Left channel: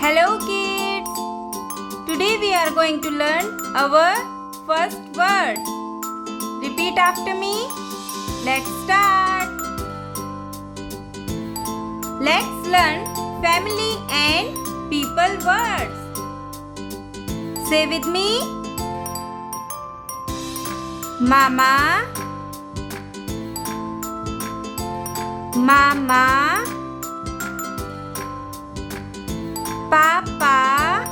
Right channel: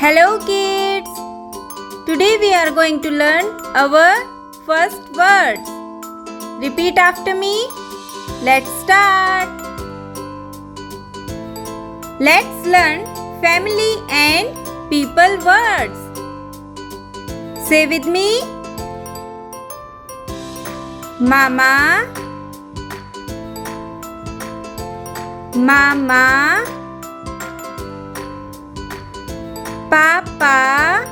Hello kids! Today we are going to learn our first words. Repeat after me. Let's start. Let's learn family and people words. Say with me. Mama, Mama, Papa,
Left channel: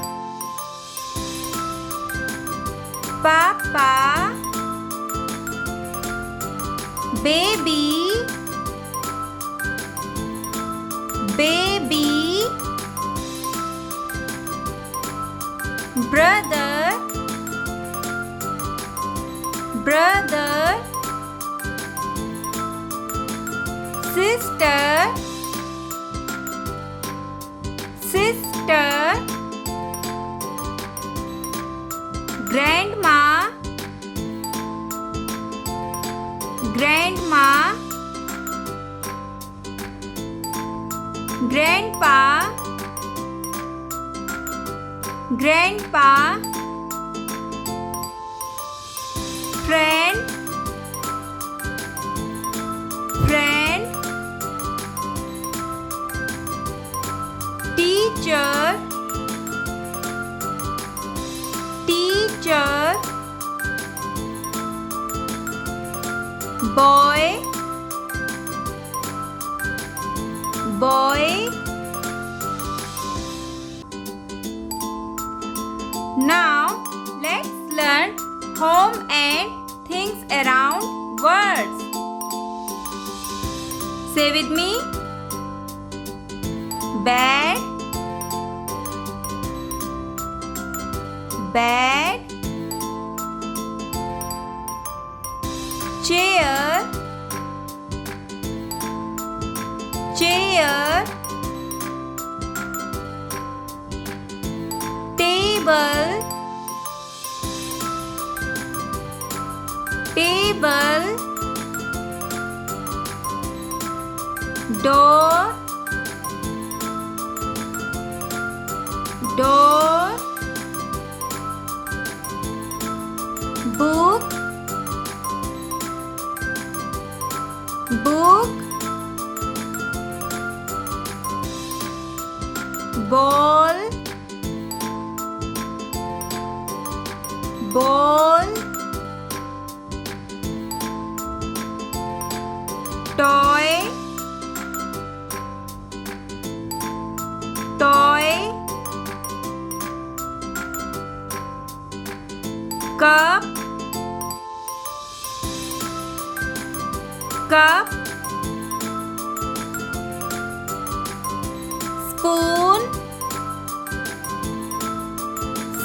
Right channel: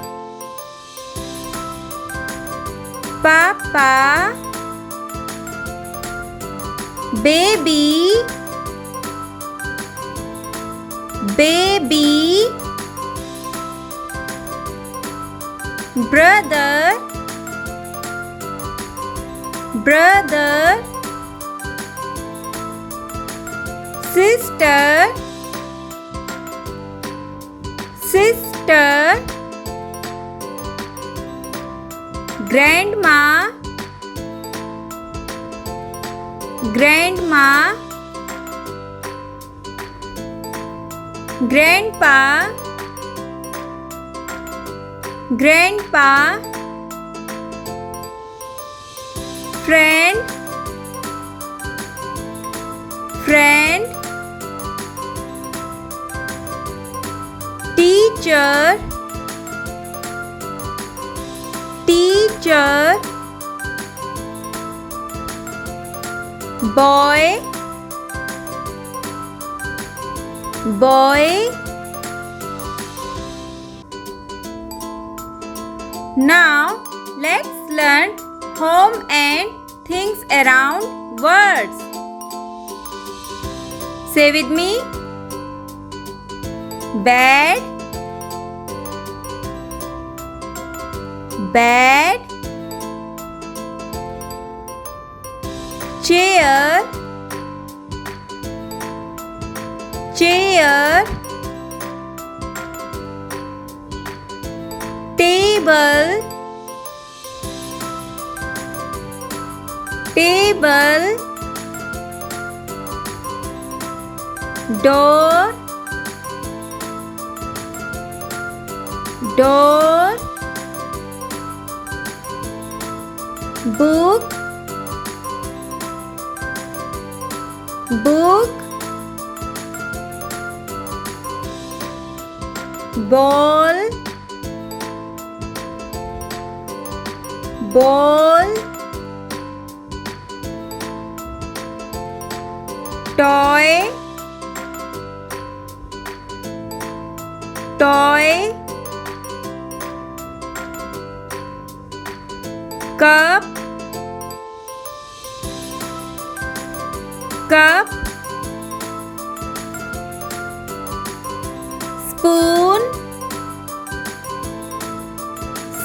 Papa, Baby, Baby, Brother, Brother, Sister, Sister, Grandma, Grandma, Grandpa, Grandpa, Friend, Friend, Teacher, Teacher, Boy, Boy. Now let's learn home and things around words. Say with me. Bed, bed, chair, chair, table, table, door, door, book, book, ball, ball, toy, toy, cup, cup, spoon,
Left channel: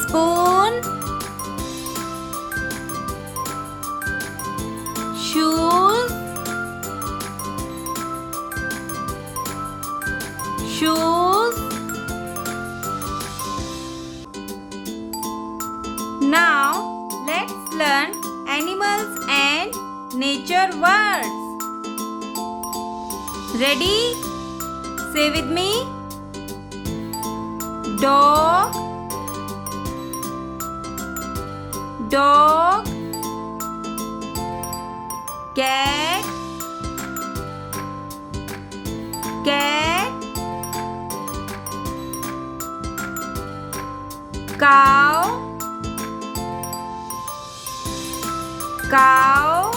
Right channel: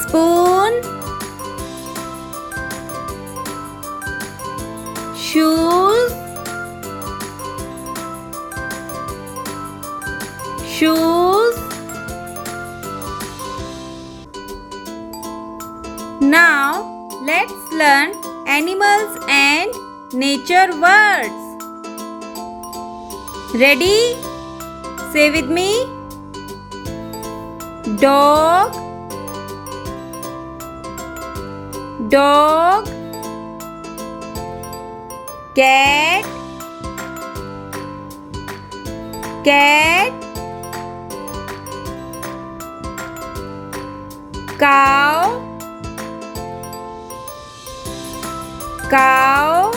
spoon, shoes, shoes. Now let's learn animals and nature words. Ready? Say with me. Dog, dog, cat, cat, cow, cow,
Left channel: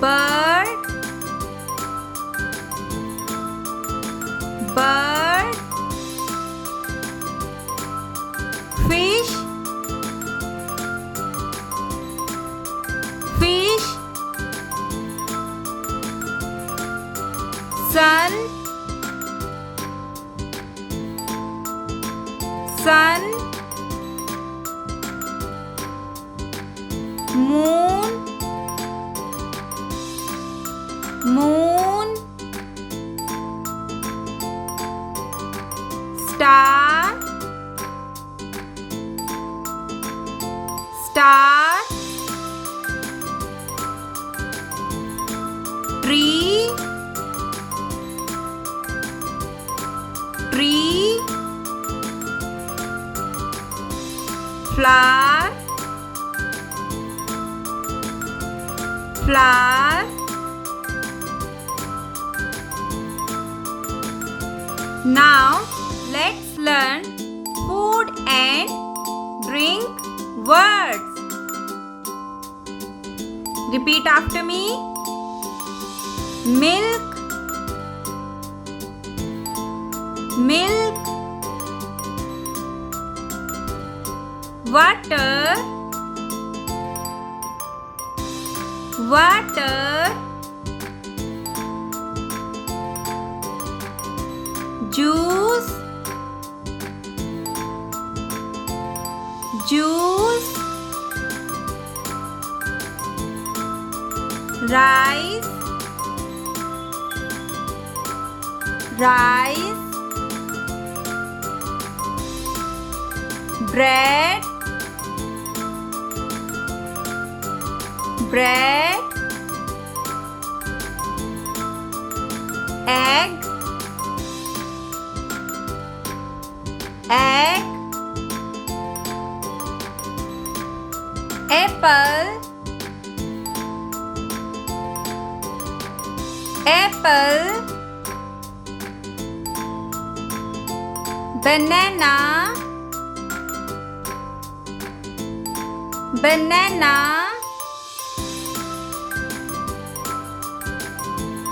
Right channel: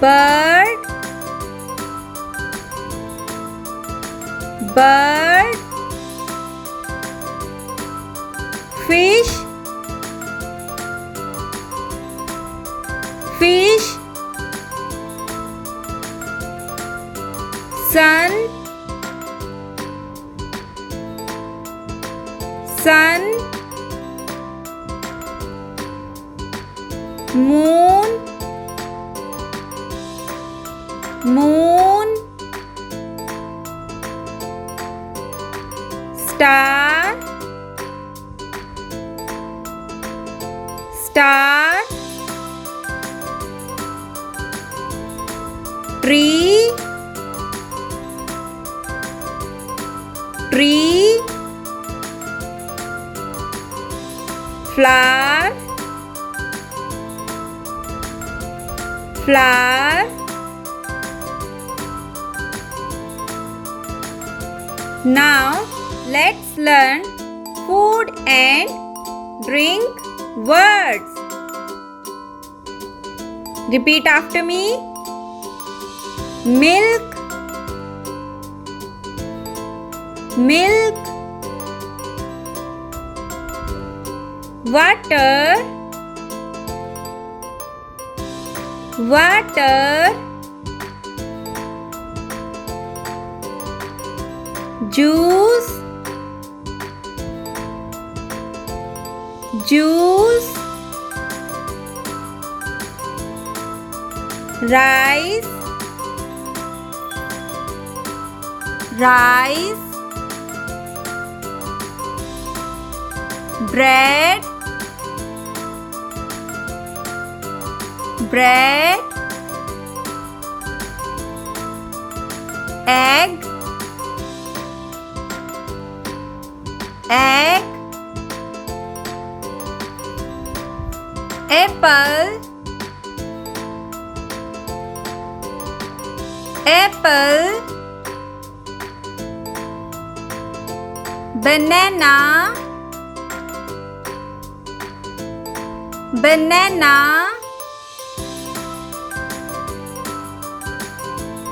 bird, bird, fish, fish, sun, sun, moon, moon, star, star, tree, tree, flower, flower. Now let's learn food and drink words. Repeat after me. Milk, milk. Water, water. Juice, juice. Rice, rice. Bread, bread. Egg, egg. Apple, apple. Banana, banana.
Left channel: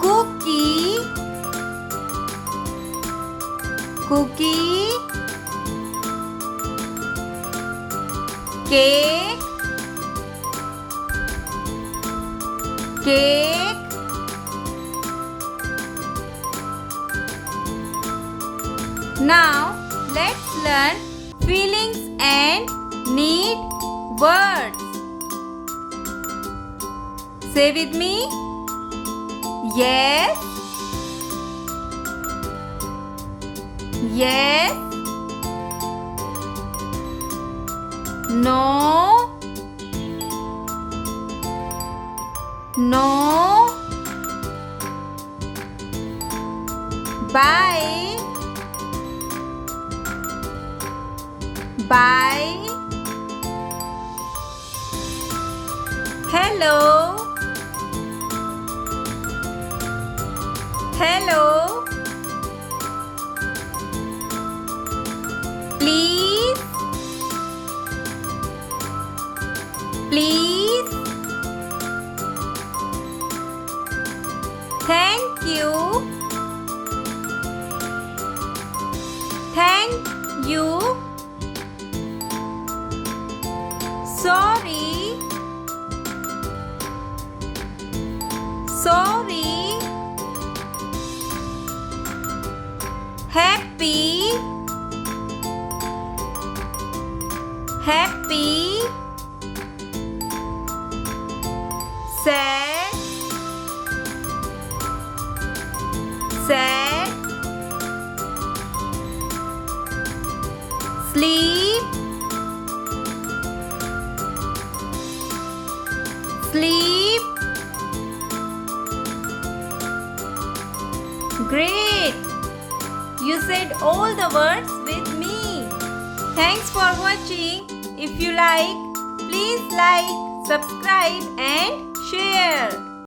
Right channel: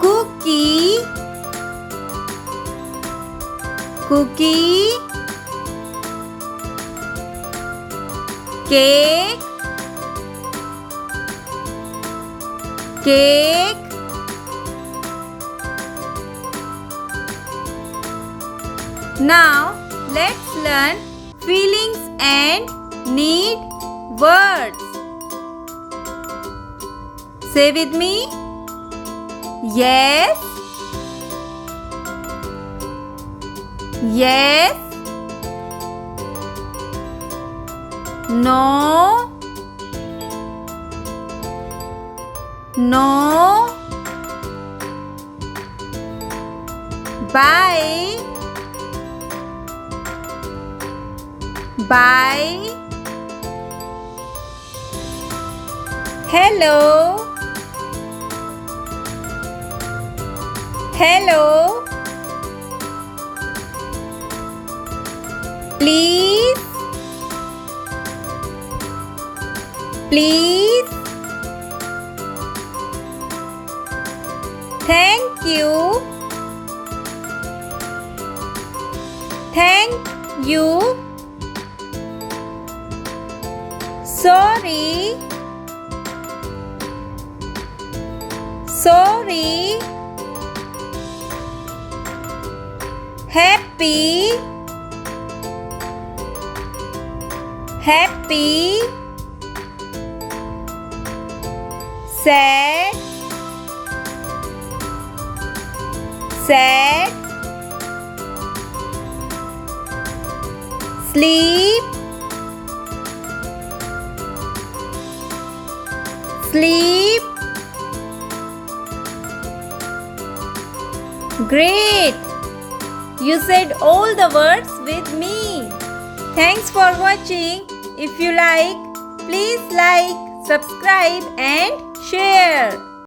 Cookie, cookie. Cake, cake. Now let's learn feelings and need words. Say with me. Yes, yes. No, no. Bye, bye. Hello, hello. Please, please. Thank you, thank you. Sorry, sorry. Happy, happy. Sad, sad. Sleep, sleep. Great! You said all the words with me. Thanks for watching. If you like, please like, subscribe and share.